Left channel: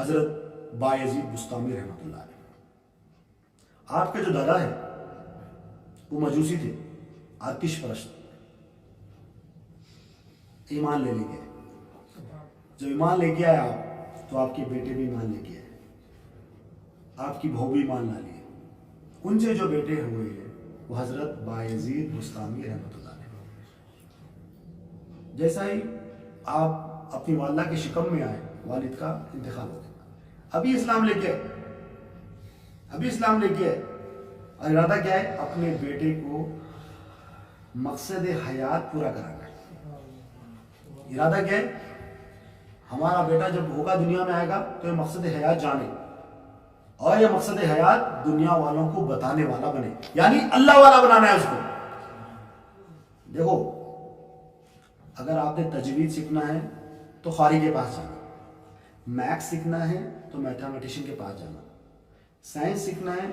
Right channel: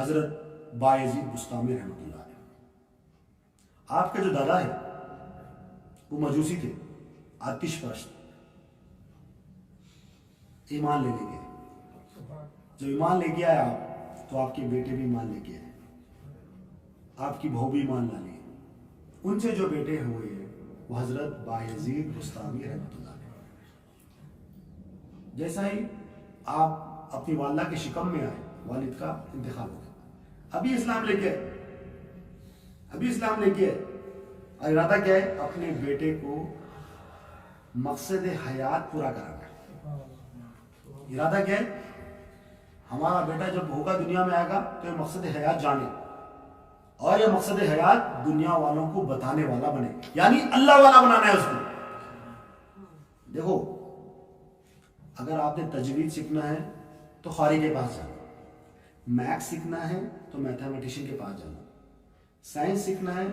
حضرت بایزید بستامی رحمۃ اللہ علیہ. آپ کے جو دادا ہے وہ مجوسی تھے، آتش پرست. ایمان لے گئے. جب ایمان لے کے آئے آپ تو آپ کے بیٹے بھی ایمان لے کے آئے، آپ کی بہو بھی ایمان لا لیے. ان سے جو بیٹے ہوئے ہیں وہ حضرت بایزید بستامی رحمۃ اللہ علیہ. جیسا ہی آپ اپنی والدہ کے شکم میں آئے، والد کا انتقال ہو گیا. ابھی اسلام لے کے آئے اور ارادہ کیا ہے؟ اپنے بیٹے کو مقصد حیات پورا کرانا ہے. ارادہ کیا ہے؟ ہمارا بیٹا جب ہوگا دنیا میں آئے گا تو یہ مقصد حیات جانے اور یہ مقصد حیات دنیا والوں کو بتانے والا بنے، یعنی اللہ والا بنانا ہے اس کو. دیکھو، اگر آپ نے تجوید سیکھنا ہے تو قاری کے پاس جانا، میتھس سیکھنا ہے تو میتھمیٹیشین کے پاس جانا، سائنس سیکھنا ہے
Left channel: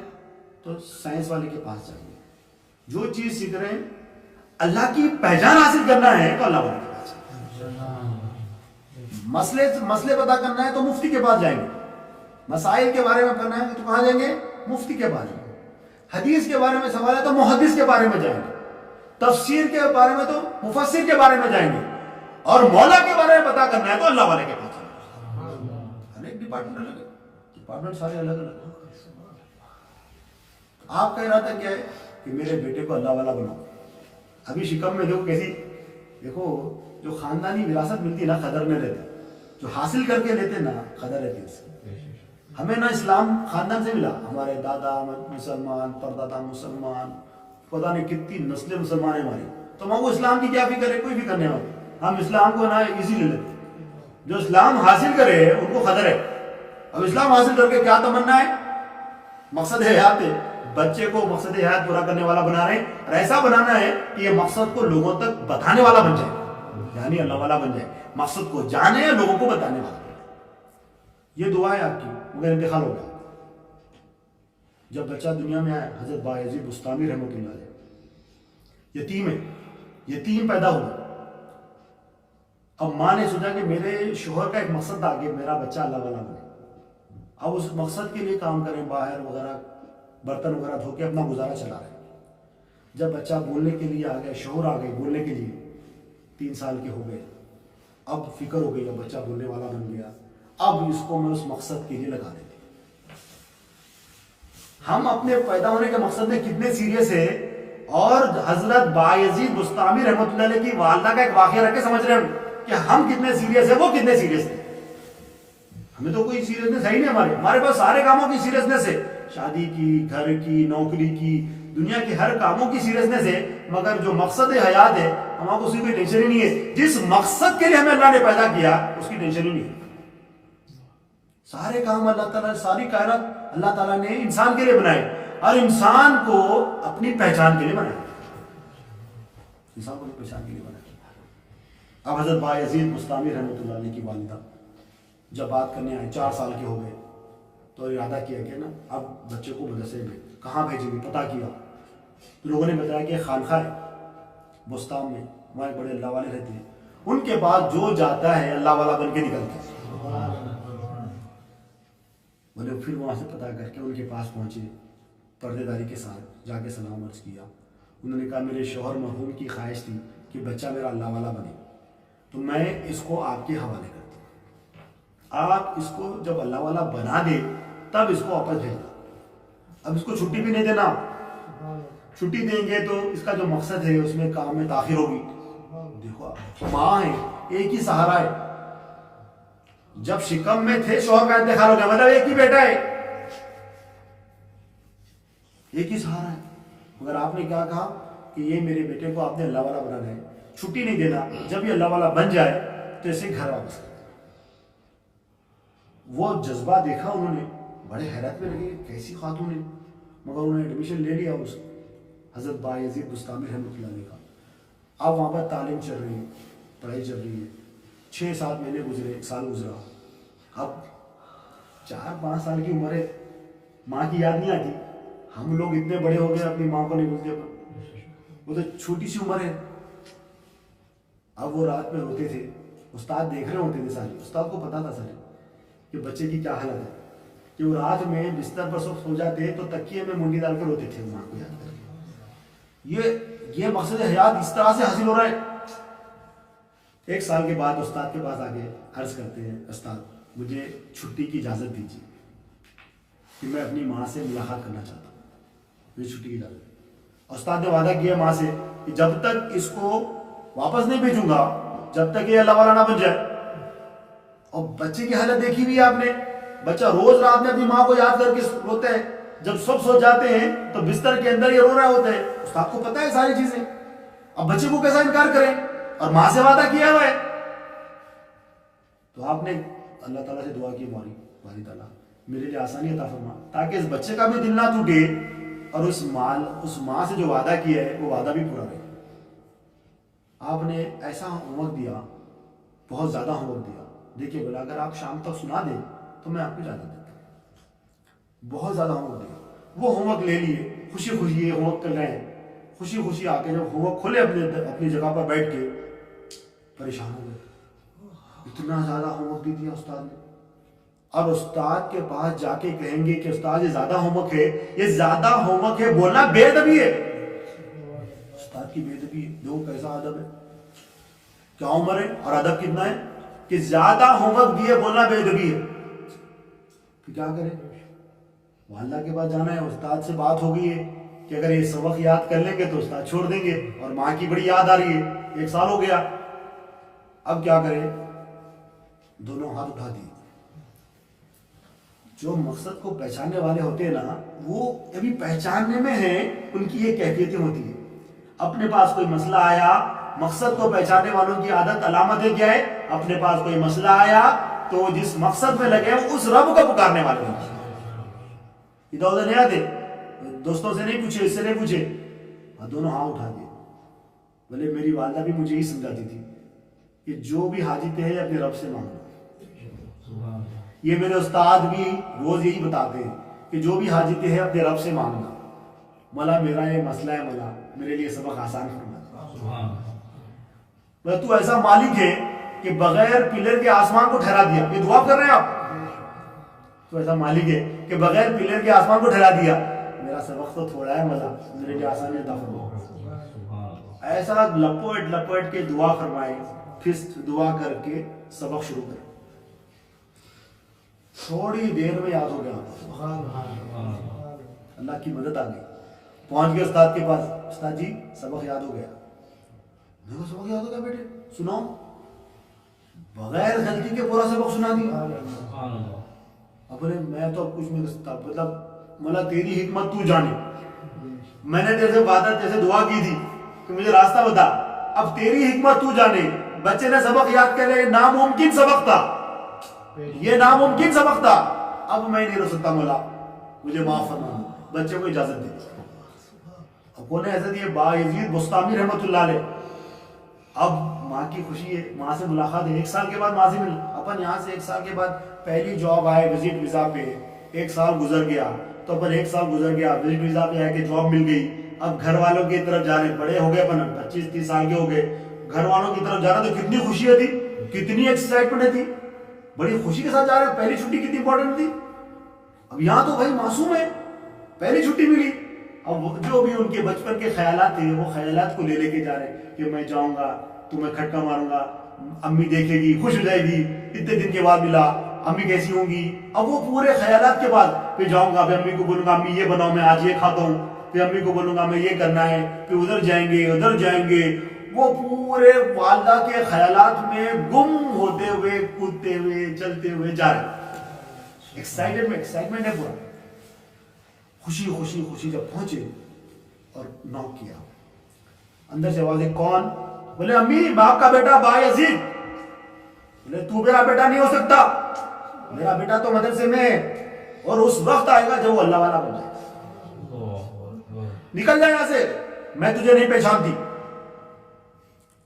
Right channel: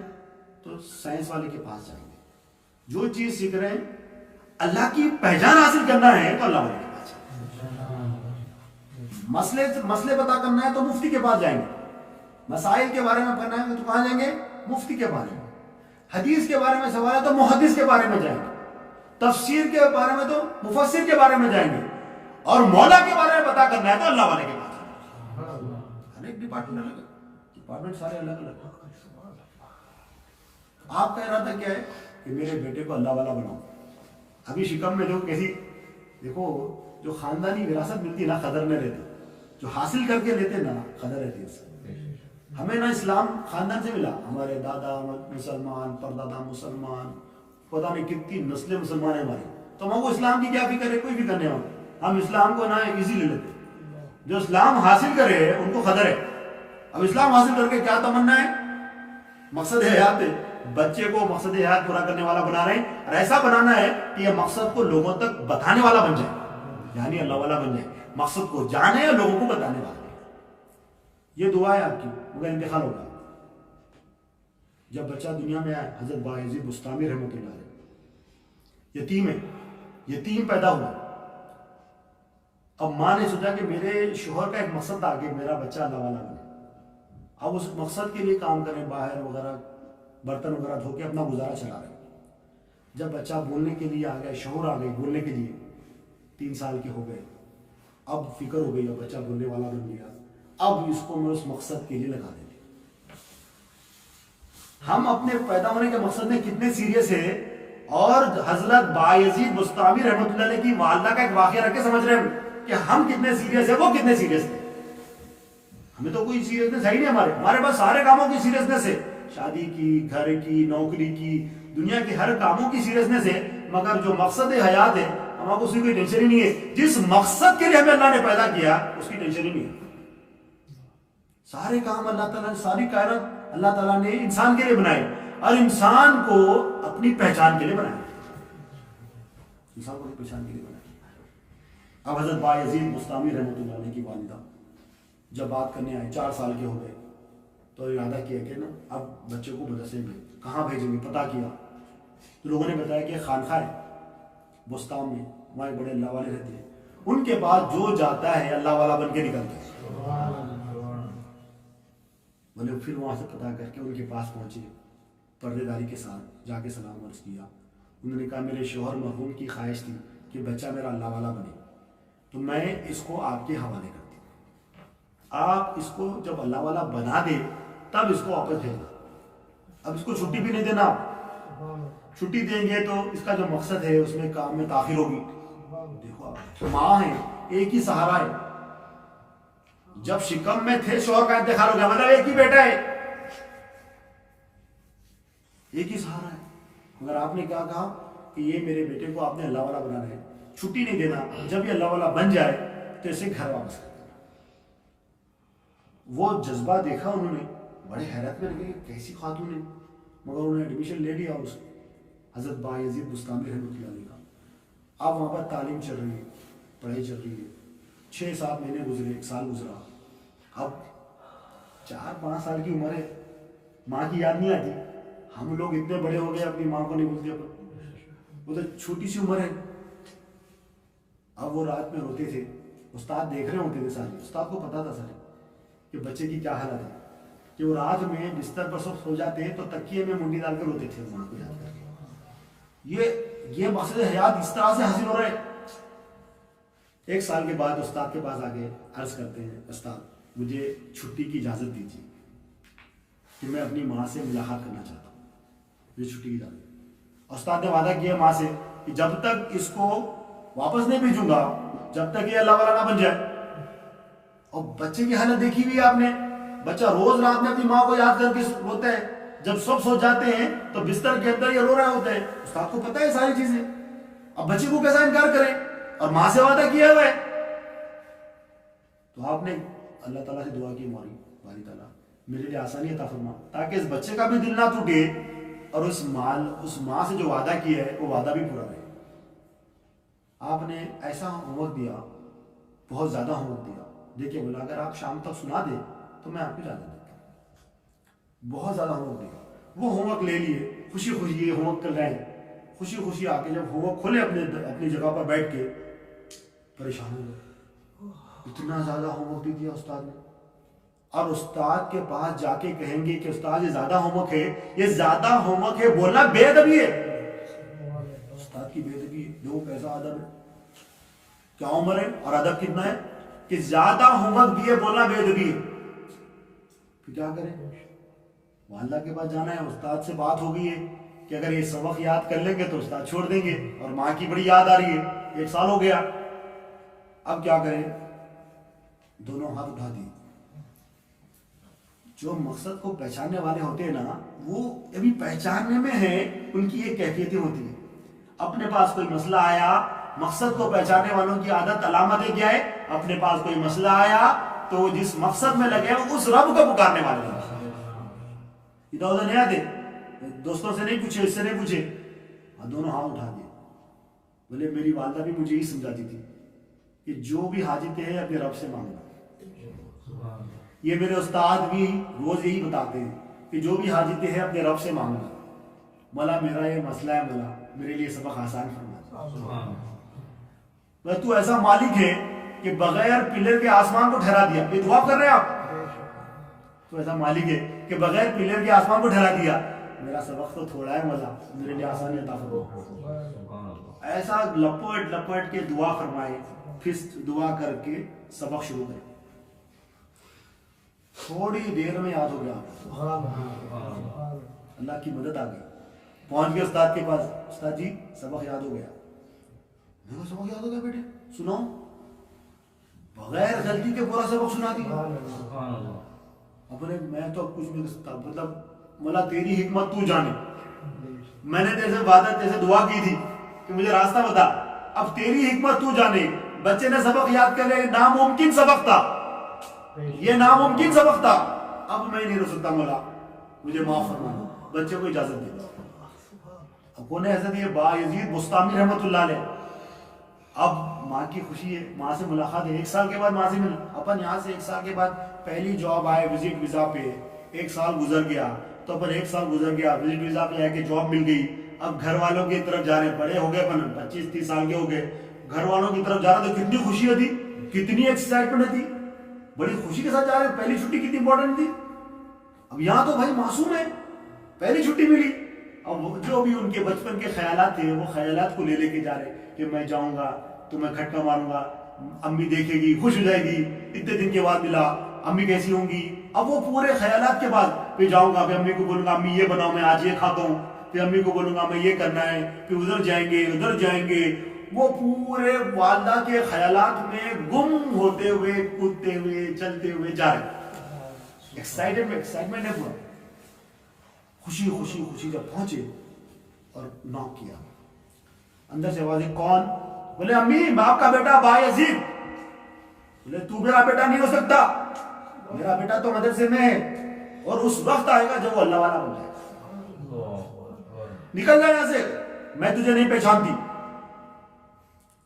تو سائنس والے کے پاس جائیں گے. جو چیز سیکھ رہے ہیں اللہ کی پہچان حاصل کرنا ہے تو اللہ والے کے پاس جائیں گے. مسئلے پتا کرنا ہے تو مفتی کے پاس جائیں گے. مسائل کے بارے میں پڑھنا ہے تو کہاں جائیں گے؟ مفتی کے پاس جائیں گے. حدیث کے بارے میں سوال ہے تو محدث کے بارے میں جائیں گے. تفسیر کے بارے میں تو مفسر کے بارے میں جائیں گے. اور مولا کے بارے میں پتا کرنا ہے تو اللہ والے کے پاس جائیں گے. ہر ایک ڈپارٹمنٹ سارے الگ الگ. آپ کا ارادہ کیا ہے کہ میرے بیٹے کو اللہ والا بناؤ. ابھی شکم میں دیکھو کیسی، دیکھو جو خاندانی وراثت ملتی نا قدر میں رہتی، جو حاصل کر کے لیتے نا قدر رہتی اس کی. ہمیں نا اسلام خاندان سے ملا، ہمارے دادا مسلمان، پردادا مسلمان، پتہ نہیں کتنی نسلیں مسلمان ہیں ہماری. تو ہم کو اسلام کی کیا فکر ہے؟ کوئی فکر نہیں ہے. ہم اسلام کو نا ایزی لے لیتے. جو اسلام حاصل کرے ان کو قدر ہے. اب اسلام حاصل کر کے کیا تمنا ہے؟ مقصد حیات ہے. بچے کو مقصد حیات پورا کرنے والا بنا رہے ہیں، اور ایسا بنانا ہے کہ یہ مقصد کو لوگوں تک بتانے والا بن جائے، یعنی اللہ والا بن جائے. مقصد کو جانے یا لوگوں کو بتانے والا. یہ دعا ہے آپ کی، مگر انتقال ہو گیا. جب بچہ دنیا میں آیا، حضرت بایزید بستامی رحمۃ اللہ علیہ یتیم ہے، یتیم پیدا ہوا. اب ماں نے سوچا کہ میرے شوہر کا ایک مقصد تھا کہ میرا بچہ اللہ والا بنے. اب اس مقصد کے لیے کام کریں، باہر وغیرہ برتن وغیرہ دھو کے اپنا گزارا چلا رہے. جب بچہ بولنے کے لیے آ گیا، شعور آ گئی بولنے کے لیے، 3 سال کے ہو گئے، اب فکر ہو گئی، اب بچہ بولنے والا بن گیا. اب اس کو میں اس مقصد کے لیے لگا دیتی. ہم اپنے پیدا ہونے کے مقصد میں کتنے سیریس ہے، اور حضرت بایزید بستامی رحمۃ اللہ علیہ کی والدہ کا ایک واقعہ رکھ کے سمجھ رہے ہیں کہ ہم کتنے سیریس ہیں، وہ کتنے سیریس تھے. ہمیں تو کوئی سیریسنس ہے ہی نہیں. ہمارے پاس سارے کاموں کی سیریسنس ہے، شادی کی، گھر کی، نوکری کی، دنیا کے ہر کاموں کی سیریسنس ہے. مگر جو مقصد حیات ہے ہمارا اس کی کوئی ٹینشن ہی نہیں ہے. جس مقصد کے لیے ہمیں اللہ نے پیدا کیا اس کی ٹینشن ہی نہیں ہے. سارے کام اللہ تعالیٰ، ساری کائنات اللہ تعالیٰ نے انسان کے لیے بنائے، اور انسان کو اپنی پہچان کے لیے بنایا. انسان کو اپنی پہچان کے لیے بنایا. اب حضرت بایزید بستامی رحمۃ اللہ علیہ کی والدہ جب بات کرنے آئے، 4 سال کے ہو گئے، تو ارادہ کیا کہ نا اب بچے کو مدرسے میں کہاں بھیجیں گے. پتہ کیا تو لوگوں نے بتایا کہ خانقاہ ہے بستام میں، وہاں ایک بڑے اللہ والے رہتے ہیں، ان کے پاس جو جاتا ہے اللہ والا بن کے نکلتا ہے. بولے پھر وہاں سے پتہ کر کے ان کے پاس پہنچے، پردے داری کے ساتھ جا کے سلام عرض کیا. انہوں نے کہا میرے شوہر مرحوم کی خواہش تھی کہ بچہ میرا اللہ والا بنے، تو میں اس کو آپ کے حوالے کرتی ہوں. آپ اس کو جب اللہ والا بنا دے تب اس کو واپس بھیجنا. اب اس کو چھٹی بھی نہیں دینا. چھٹی دیں گے تو اس کا جو مقصد ہے اس میں کام میں تاخیر ہوگی. دیکھو آپ ماں ہے، ایک ہی سہارا ہے. جب شکم میں تھے شوہر کا انتقال ہو گیا، مطلب ایک ہی بیٹا ہے، ایک ہی سہارا ہے. مگر آپ نے کیا کہا کہ یہ میرے بیٹے کو آپ نے اللہ والا بنانا ہے، چھٹی نہیں دینا. جب یہ اللہ والا بن جائے تو اسے گھر واپس کر دینا. وہ جذبہ دیکھا انہوں نے، بڑے حیرت میں لگے کیسی خاتون ہے. مگر انہوں نے ایڈمیشن لے لیا اس حضرت بایزید بستامی رحمۃ اللہ علیہ کا. اب وہاں پر تعلیم چل رہی ہے، پڑھائی چل رہی ہے. 6-7 مہینے گزرے، 1 سال گزرا. اب 4-5 سال کی عمر ہے، ماں کی یاد نہیں آتی. ہم لوگ اتنے بڑے ہو گئے اپنی ماں کو نہیں بھولتے، وہ تو چھوٹی سی عمر ہے. اب وہ رات میں روتے تھے، استاد دیکھ رہے ہوتے تھے سارے، استاد کو پتا تھا سارے کہ بچے کی کیا حالت ہے کہ وہ رات میں بستر پر سو جاتے تو تکیے میں منڈی ڈال کر روتے تھے ماں کو یاد کر کے. یہ مقصد حیات اس طرح سے حاصل ہو رہا ہے. 1 سال کے بعد استاد کے پاس آگے عرض کرتے ہیں استاد مجھے چھٹی کی اجازت دیجیے کہ میں اپنی ماں سے ملاقات کرنا چاہتا ہوں, مجھے چھٹی کی اجازت. استاد نے وعدہ کیا ماں سے کہ جب تک اس کو واپس نہیں بھیجوں گا جب تک یہ اللہ والا نہ بن جائے. اور بچے کی حالت دیکھی ہوئی ہے آپ نے, بچہ روز رات میں اپنی ماں کو یاد کر کے روتا ہے, جب سب سو جاتے ہیں تو بستر کے اندر یہ رو رہا ہوتا ہے. استاد کو پتہ ہے ساری چیزیں, اب بچے کو کیسا انکار کریں, اور ماں سے وعدہ کیا ہوا ہے. تو آپ نے اللہ تعالیٰ سے دعا کی باری تعالیٰ میرے لیے آسانی عطا فرما تاکہ اس بچے کا بھی دل نہ ٹوٹے اور اس ماں سے جو وعدہ کیا ہے وہ وعدہ بھی پورا رہے. آپ نے ایسا ہوم ورک دیا, بہت زیادہ ہوم ورک دیا. دیکھیے بولا اگر آپ شام تک سنا دیں تو میں آپ کو اجازت دیتا ہوں. بہت زیادہ ہوم ورک دیا. وہ ہوم ورک لے لیے, خوشی خوشی یہ ہوم ورک کر رہے ہیں, خوشی خوشی آ کے جب ہوم ورک کھولے اپنی جگہ پر بیٹھ کے پریشان ہو گئے. اتنا زیادہ ہوم ورک دیا استاد نے. اور استاد کے پاس جا کے کہیں گے کہ استاد یہ زیادہ ہوم ورک ہے, یہ زیادہ ہوم ورک ہے, بولنا بے ادبی ہے. استاد کی بے ادبی ہے. دیکھو کیسا ادب ہے, کیا عمر ہے اور ادب کتنا ہے کہ زیادہ ہوم ورک دیے بولنا بے ادبی ہے. پھر کیا کرے, والدہ کے پاس جانا ہے, استاد سے بات ہو گئی ہے کہ اگر یہ سبق یاد کر لیں گے تو استاد چھوڑ دیں گے, اور ماں کی بڑی یاد آ رہی ہے, 1 سال ہو گیا. اب کیا کرے, دونوں ہاتھ اٹھا دیے. جو مقصد کو پہچاننے والے ہوتے ہیں نا, وہ ابھی پہچاننے میں ہیں, ان کی یہ کیفیتیں ہوتی ہیں. اپنے پاس کوئی مسئلہ آیا, مقصد کو پہچاننے والوں کی عادت علامت ہے کیا ہے, اپنے پاس کوئی مسئلہ آیا تو جس مقصد میں لگے اس رب کو پکارنے والے ہوتے ہیں. ادھر ادھر نہیں آتے, دوستوں سے نہیں پوچھے, اس سے نہیں پوچھے, دونوں ہاتھ اٹھا دیے. بولے میری والدہ بھی مجھے یہی سمجھاتی تھی کہ جو بھی حاجت ہے اپنے رب سے مانگنا. یہ میرے استاد بھی روز یہی بتاتے ہیں کہ جو بھی حاجت ہے اپنے رب سے مانگنا. مولا میرا یہ مسئلہ ہے, مولا میرے لیے سبق آسان فرما. تو ایسا مالک ہے کہ بغیر پلر کے آسمان کو ٹھہرا دیا. یہ دعا کر رہے ہیں آپ, تو ایسا مالک ہے کہ بغیر پلر کے آسمان کو ٹھہرا دیا. میرا سبق تو تھوڑا ہے, مولا میرے لیے آسانی عطا فرما. ایسا لپٹ لپٹ کے دعا فرمائے, پھر دعا کر کے سبق شروع کرے. تھوڑی دیر میں یاد ہو گیا, اللہ کی مدد آ گئی. پہنچ گئے استاد کے پاس, استاد جی سبق یاد ہو گیا. میں کہا سبق یاد ہو گیا بیٹے, سناؤ. بغیر غلطی کے پورا سبق سنا دیا. اب بولے میں تو اب کچھ نہیں کر سکتا, مطلب مولا تیری حکمت تو جانے, میں نے تیرے سے وعدہ تیرے سے دعا کی تھی کہ مجھے راستہ بتا, اب تیری حکمت تو جانے. بچے نے سبق یاد کر لیا, ناممکن سبق تھا, یہ ناممکن سبق تھا. اب میں نہیں رہ سکتا, مولا مجھے معاف فرما دو, بچے کو اجازت دے. اب کون ہے حضرت یہ با یزید بستامی رحمۃ اللہ علیہ. اب ماں کی خوشی ہے, ماں سے ملاقات ہے, 1 سال کے بعد ماں سے مل. اپن یہاں سے 1 سال کے بعد پہلی جاب آئے وزٹ ویزا پہ, 1 سال گزر گیا تو اپن 1 سال گزر گیا وزٹ ویزا پہ آئے کہ جاب مل گئی. اب گھر والوں کی طرف جا رہے ہیں, بڑے ہو گئے اپن 25-30 سال کے ہو گئے, گھر والوں کی طرف جا رہا تو کتنی خوشی تھی, کتنی ایکسائٹمنٹ تھی, بڑی خوشی کے ساتھ جا رہے ہیں. پہلی چھٹی کتنی امپورٹنٹ تھی. اب یہاں تو بھائی معصوم ہے, پہلی چھٹی ملی. اب جو بھی ان کے بچپن کے خیالات تھے وہ خیالات کو لے کے جا رہے کہ میں جاؤں گا تو میں کھٹکا ماروں گا, امی دیکھے گی خوش ہو جائے گی, اتنے دن کے بعد ملا, امی کیسی ہوں گی. اب وہ پورے خیالات کے بعد پھر جاؤں گا, پھر امی کو بولوں گا امی یہ بناؤ میں آج یہ کھاتا ہوں, پھر امی کو بولوں گا میں یہ کرنا ہے, پھر ادھر جائیں گے ادھر جائیں گے. وہ پورے والدہ کے خیالات میں گم ہوتے ہوئے کودتے ہوئے چلتے ہوئے جا رہے. ایکسائٹمنٹ ہے پورا. خوشی خوشی خوشی جب پہنچے اور نوک کیا, اندر سے آواز, کون؟ بولے امی میں آپ کا بیٹا با یزید. بولے تو میرا بیٹا نہیں ہو سکتا, میرا بیٹا تو مدرسے میں ہے, اور اس وقت آئے گا جب وہ اللہ والا بن جائے. نکل جائے یہاں سے, میں تجھے نہیں پہچانتی,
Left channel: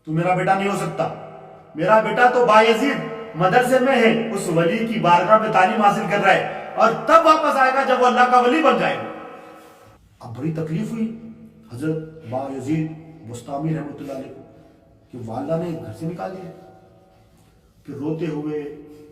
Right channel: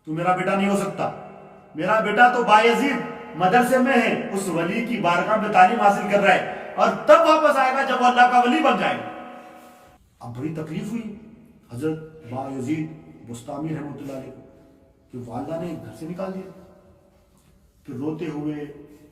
تو میرا بیٹا نہیں ہو سکتا. میرا بیٹا تو با یزید مدرسے میں ہے, اس ولی کی بارگاہ میں تعلیم حاصل کر رہا ہے, اور تب واپس آئے گا جب وہ اللہ کا ولی بن جائے گا. اب بڑی تکلیف ہوئی حضرت با یزید بستامی رحمۃ اللہ علیہ کو کہ والدہ نے گھر سے نکال دیا. پھر روتے ہوئے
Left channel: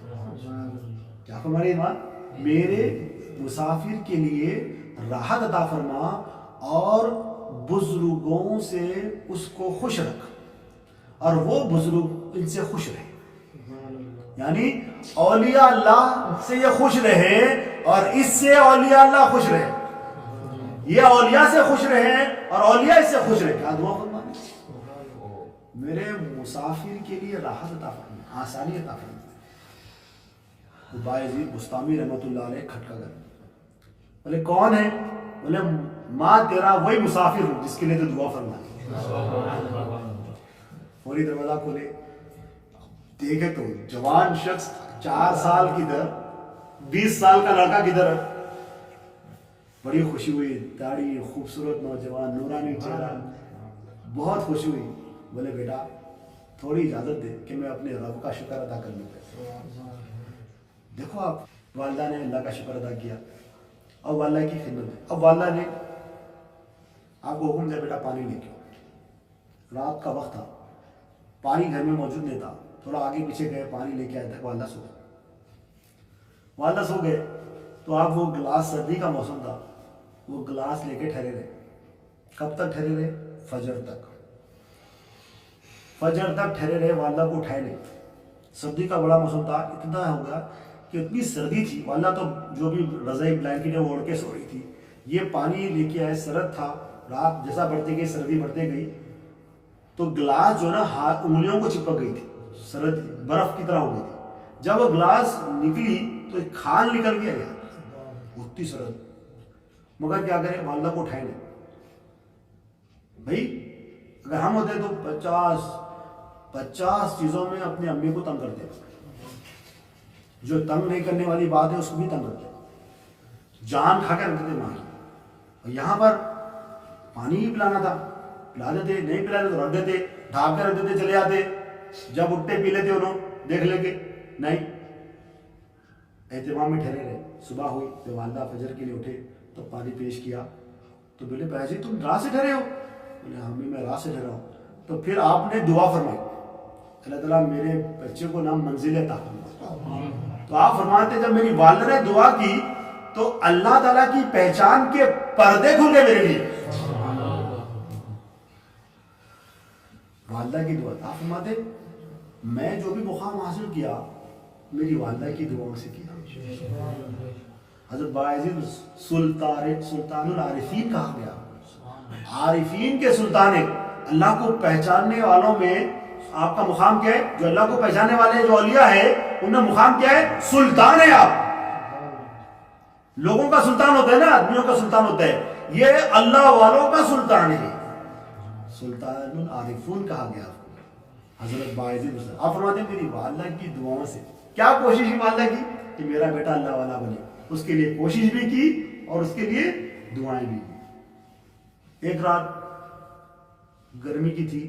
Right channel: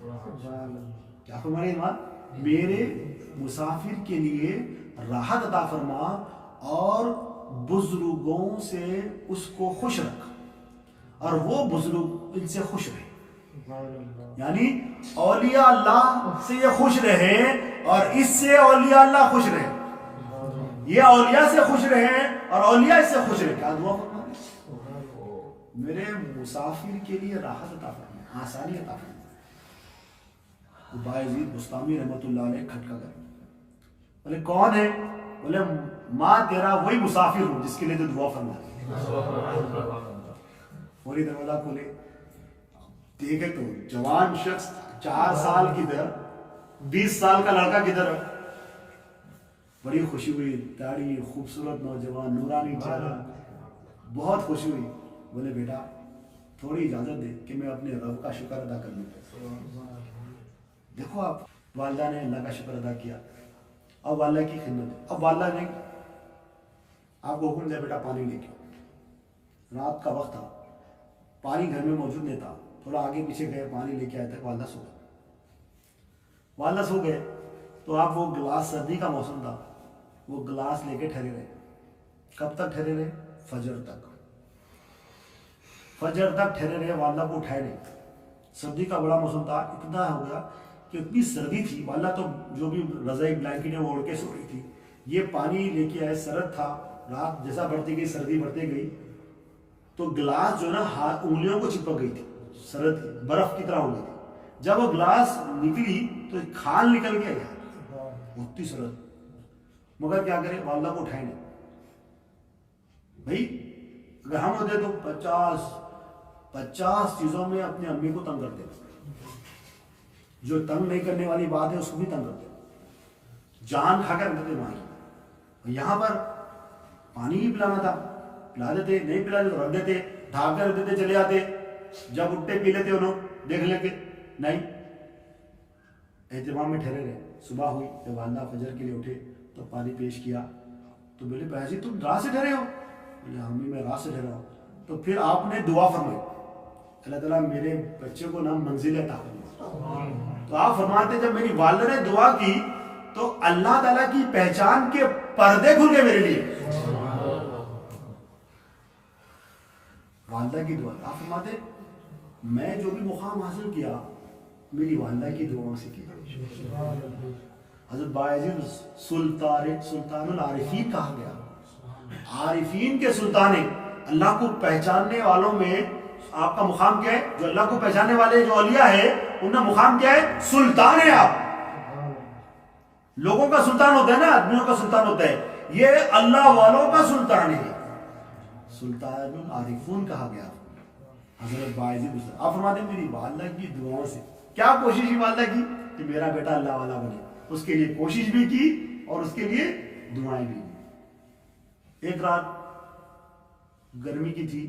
کیا فرما رہے ایمان؟ میرے مسافر کے لیے راحت عطا فرما اور بزرگوں سے اس کو خوش رکھ اور وہ بزرگ ان سے خوش رہے. یعنی اولیاء اللہ سے یہ خوش رہے اور اس سے اولیاء اللہ خوش رہے. یہ اولیاء سے خوش رہے اور اولیاء اس سے خوش رہے. کیا دعا فرما رہے؟ میرے مسافر کے لیے راحت عطا فرما، آسانی عطا فرما. بایزید بستامی رحمۃ اللہ علیہ کھٹکا کر بولے کون ہے؟ بولے ماں تیرا وہی مسافر ہوں جس کے لیے تو دعا فرما. فوری دروازہ کھولے، دیکھے تو جوان شخص 4 سال کدھر 20 سال کا لڑکا کدھر. بڑی خوشی ہوئی، داڑھی خوبصورت نوجوان نورانی چہرہ، بہت خوشی ہوئی. بولے بیٹا تھوڑی اجازت دے کہ میں اپنے رب کا شکر ادا کر لوں. دیکھو آپ، والدہ نے اللہ کا شکر ادا کیا اب والدہ کی خدمت ہے. اب والدہ نے آپ کو حکم دیا بیٹا پانی لے کے. رات کا وقت تھا، پانی گھر میں موجود نہیں تھا. تھوڑا آگے پیچھے گئے، پانی لے کے آئے تک والدہ سو گئے. والدہ سو گئے تو آپ وہ گلاس، سردی کا موسم تھا، وہ گلاس لے کے ٹھہرے رہے. کب تک ٹھہرے رہے؟ فجر تک. فجر تک ٹھہرے رہے، والدہ کو اٹھائے نہیں. سردی کا بڑا موسم تھا، اتنا ہو گیا کہ اتنی سردی تھی، والدہ تو جو بھی رضائی بلینکٹ ہے وہ اوڑھ کے سو رہی تھی. یہ پانی لے کے آئے، سرد تھا. رات جیسا بڑھتی گئی سردی بڑھتے گئی تو گلاس جو ہے نا انگلیوں کو چپک گئی تھی، سرد برف کی طرح ہو گئی تھی. جب وہ گلاس نکلی تو ایک کھال نکل گیا یار، اتنی سرد. مگر کیا کریں، والدہ کو اٹھائے نہیں. بھائی اگر ہم ہوتے تو 50 چیزوں میں اپنی امی کو تنگ کرتے. جو تنگ نہیں کرنے والی بات ہے اس کو بھی تنگ کرتے، جان کھا کر رکھتے تھے ماں کی. اور یہاں پر پانی ہی پلانا تھا، پلا دیتے، نہیں پلا دیتے تو رکھ دیتے، ڈھانپ کر رکھ دیتے، چلے جاتے. جب اٹھتے پی لیتے انہوں دیکھ لے کے. نہیں، اہتمام میں ٹھہرے رہے. صبح ہوئی جب والدہ فجر کے لیے اٹھے تو پانی پیش کیا تو بولے بھائی تم رات سے ٹھہرے ہو؟ بولے ہاں میں رات سے ٹھہرا ہوں. تو پھر آپ نے دعا فرمائی، اللہ تعالیٰ میرے بچے کو نام منزل عطا فرما. تو آپ فرماتے جب میری والدہ نے دعا کی تو اللہ تعالیٰ کی پہچان کے پردے کھل گئے میرے لیے. والدہ کی دعا. آپ فرماتے میں جو بھی مقام حاصل کیا میری والدہ کی دعاؤں سے کیا. حضرت بایزید سلطان العارفین کہا گیا، عارفین کے سلطان ہے. اللہ کو پہچاننے والوں میں آپ کا مقام کیا ہے؟ جو اللہ کو پہچاننے والے جو اولیاء ہے ان میں مقام کیا ہے؟ سلطان ہے. آپ لوگوں کا سلطان ہوتا ہے نا، آدمیوں کا سلطان ہوتا ہے، یہ اللہ والوں کا سلطان ہے. سلطان العارفون کہا گیا حضرت بایزید. آپ فرماتے ہیں میری والدہ کی دعاؤں سے. کیا کوشش کی والدہ کی؟ کہ میرا بیٹا اللہ والا بنے. اس کے لیے کوشش بھی کی اور اس کے لیے دعائیں بھی کی. ایک رات گرمی کی تھی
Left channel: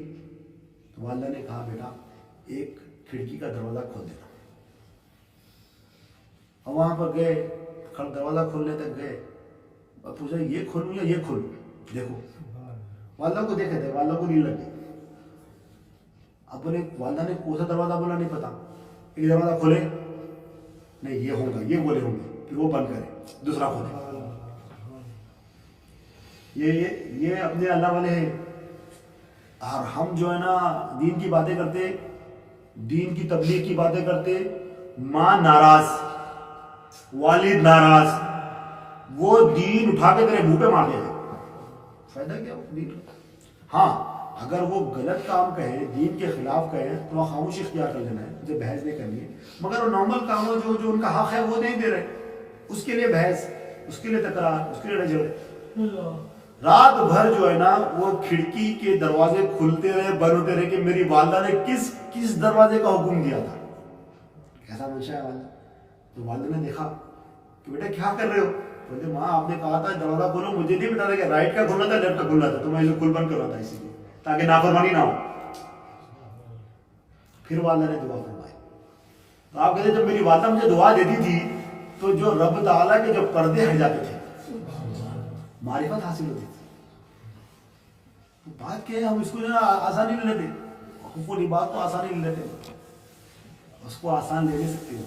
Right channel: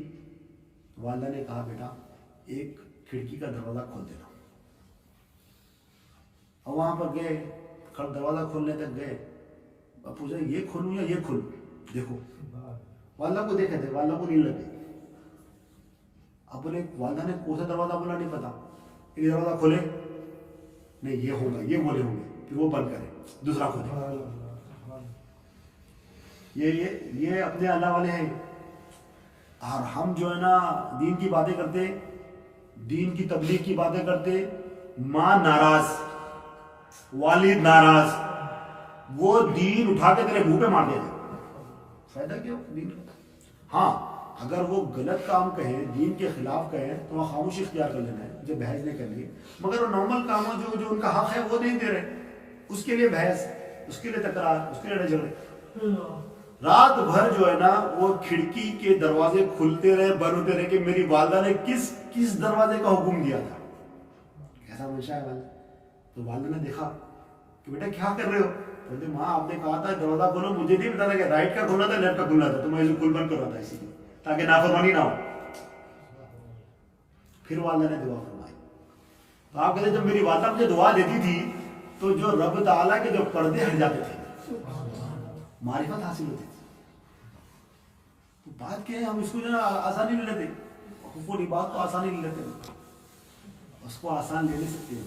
تو والدہ نے کہا بیٹا ایک کھڑکی کا دروازہ کھول دینا. اور وہاں پر گئے، دروازہ کھولنے تک گئے، پوچھا یہ کھولوں یا یہ کھولوں. دیکھو والدہ کو دیکھے تھے، والدہ کو نہیں لگے. اب بولے والدہ نے کون سا دروازہ بولا نہیں پتا. ایک دروازہ کھولے، نہیں یہ ہوگا، یہ بولے ہوں گے، پھر وہ بند کرے، دوسرا کھولے. یہ اپنے اللہ والے ہیں. اور ہم جو ہے نا دین کی باتیں کرتے، دین کی تبلیغ کی باتیں کرتے، ماں ناراض، والد ناراض، وہ دین اٹھا کے تیرے منہ پہ مار دیتے. فائدہ کیا دین کا؟ ہاں اگر وہ غلط کام کہیں، دین کے خلاف کہیں تو وہ خاموشی اختیار کر لینا ہے، مجھے بحث نہیں کرنی ہے. مگر وہ نارمل کاموں جو ان کا حق ہے وہ نہیں دے رہے، اس کے لیے بحث، اس کے لیے تکرار، اس کے لیے جھگڑے. رات بھر جو ہے نا وہ کھڑکی کے دروازے کھلتے رہے، بند ہوتے رہے کہ میری والدہ نے کس دروازے کا حکم دیا تھا. کیسا منشا ہے والدہ. تو والدہ نے دیکھا کہ بیٹا کیا کر رہے ہو؟ بولتے ماں آپ نے کہا تھا دروازہ کھولو، مجھے نہیں بتا تھا کہ رائٹ کا کھولنا تھا لیفٹ کا کھولنا تھا، تو میں اسے کھل بند کروا تھا اسی لیے تاکہ نافرمانی نہ ہو. پھر والدہ نے دعا فرمائی. تو آپ کہتے جب میری والدہ مجھے دعا دیتی تھی تو جو رب تعالیٰ کے جو پردے ہٹ جاتے تھے، معرفت حاصل ہوتی تھی. تو بات کیا ہے، ہم اس کو جو ہے آسانی لے لیتے، حقوق و لباس کو آسانی لے لیتے، اس کو آسان لے نہیں سکتے ہو.